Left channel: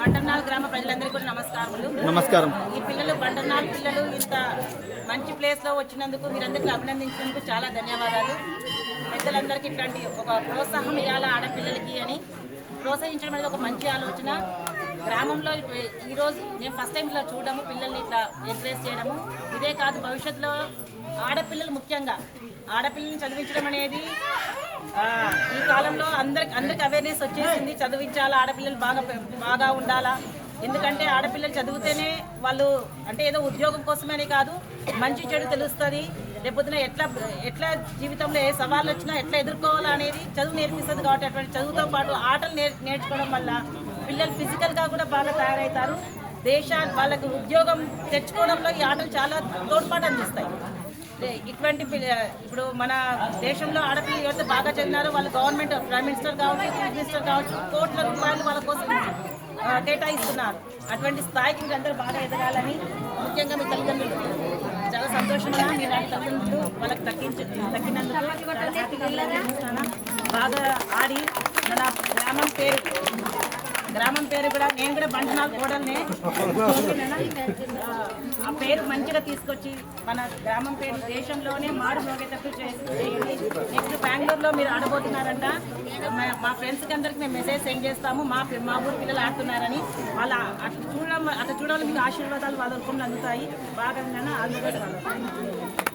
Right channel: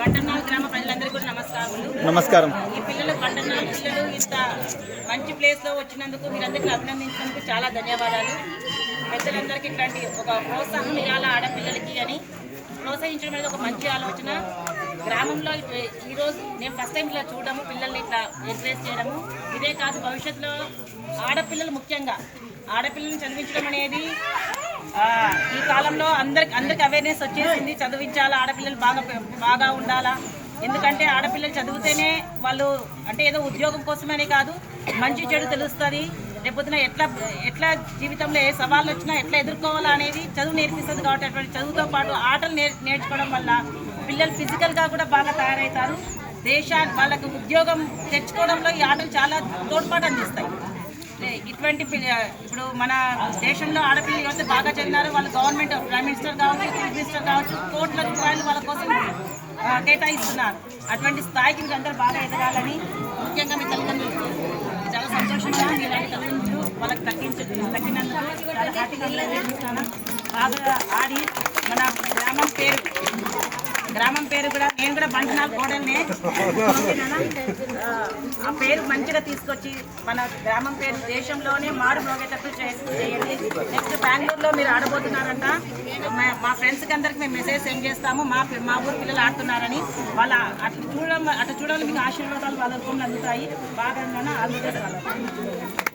బండర్నాల్ గ్రామ ప్రజలందరికీ కూడా నమస్కారం. ఈ పిల్లలు బండర్నాల్ పిల్లలు ఇంత మంచి ప్లేస్ లో వచ్చినందుకు మీరందరికీ అభినందించినందుకు చాలా ధన్యవాదాలు. పెద్దలందరికీ ఇట్లాంటి ఒక ప్రోత్సాహం ఇవ్వాలి ఆడపిల్లలకి అని ప్రోత్సహించడం అనేది ఒక మంచి ఆలోచన. గ్రామంలో ఈరోజు నేను ఫస్ట్ టైం ఇట్లా చూడడము, పిల్లల్ని ఇట్లా ఎంకరేజ్ చేయడము. ఇదే కాదు, భవిష్యత్తులో ఆడపిల్లలు ముఖ్యంగా ఆడపిల్లల్ని చదివించడం అనేది ఈ కాలంలో అందరికి అవేర్నెస్ వచ్చేసింది. చదివించాలా, ఆడపిల్లలు బాగా ఉండాలా. ఎందుకంటే ఆడపిల్లలు చదివితేనే వాళ్ళు అంటే ఏదో ఉద్యోగం కోసమనే కాదు, మంచి చెడు తెలుస్తుంది. రేపొద్దున ఎట్లా జీవితంలో ఏ సవాళ్ళు వచ్చినా ఎట్లా ఎదుర్కోవాలా అనేది చదువు నేర్పిస్తుంది. కాబట్టి అటువంటి చదువుతో పాటు ఆటలు నేర్చుకోవడం వల్ల పిల్లలు ఫిజికల్గా కూడా బాగా తయారవుతారు. వాళ్ళకు ఉద్యోగం తెచ్చుకోవడంలో ఈ ఆటలు చాలా తోడ్పాటు అందిస్తాయి. ఇటువంటి ఇప్పుడు మన దేశంలో ఆడపిల్లలు ఎవరైతే బాగా చదివినారో వాళ్ళు గవర్నమెంట్ ప్రైమ్ మినిస్టర్ కావచ్చు, చీఫ్ మినిస్టర్ కావచ్చు, కోట్ల రూపాయలు వాళ్ళ కోసం కేటాయిస్తున్నారు. అటువంటి స్థాయికి మీరు అందరూ బాగా ఎదగాలని, ముఖ్యంగా మీ తల్లిదండ్రులు చాలా సంతోషంగా మీరు తల్లిదండ్రులు వాళ్ళకి తగ్గినందుకు చాలా హ్యాపీగా బాగా ఆడి మన గ్రామం పేరు కూడా నేను కూడా బండనాల్ కోడల్నే, ఆ పేరు మంచిగా తీసుకొచ్చి మన గ్రామం పేరు దేశంలోనే మారు మోగేటట్టు చేయండి. నెక్స్ట్ బెంగళూరులో మీరు ఆడబోతున్నారంట. మా ఫ్రెండ్స్కి అందరికి మేము మెసేజ్ సెండ్ చేస్తాము. మా ఊరు పిల్లలు ఆడుతున్నారని. వాళ్ళ అట్లా చూడడం మీకు ఆశీర్వాదాలు వాళ్ళ రూపంలో అందుతాయి. బాగా ఆల్ ది బెస్ట్.